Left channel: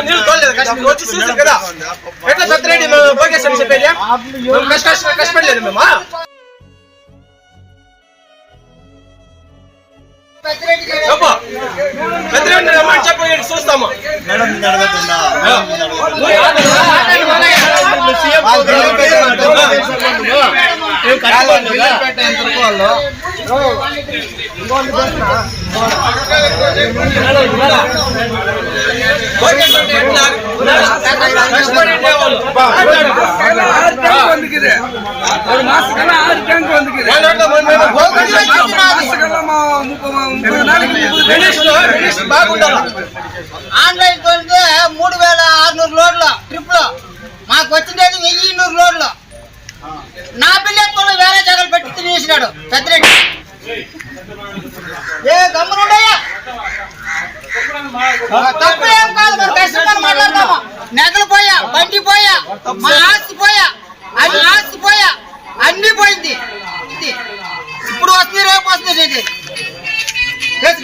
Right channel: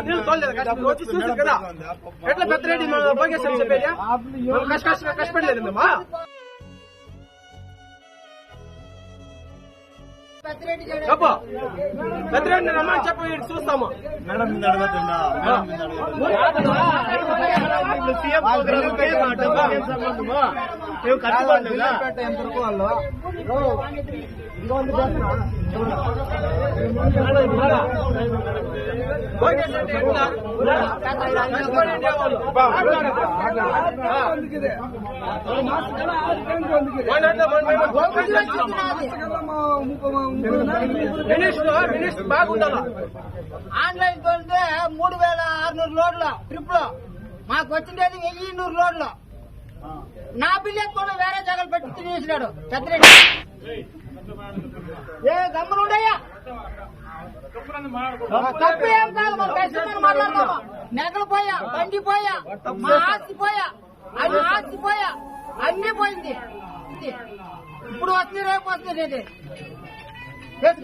నీళ్ళు తోలేదు వచ్చి చూసారు కదా ఎట్లా పెద్దరెడ్డి భోగేశ్ అని చెప్పేది కష్టపడలేదు మేము పెద్దరెడ్డి రమ్మని చెప్పి చూస్తాము ఆన్లైన్ తోలితే 3600 లోడ్ల ట్రిప్ లో మాకు వచ్చిండేది 1200 లోడ్లు నా బిల్లెట్ కూడా వేరే జగలు పెట్టి తినేసినాడు పెద్దరెడ్డి ఏ గమ్మునుండయ్యా తప్పులేం కాదు మన కష్టంగా మాట్లాడతామా నెగలు పోయా బండి పోయా మా ఆస్తి పోయా అది ఆస్తి పోయా అన్ని పోయింది ఇప్పుడు వస్తుంది రేపు వస్తుంది ఇది పేసు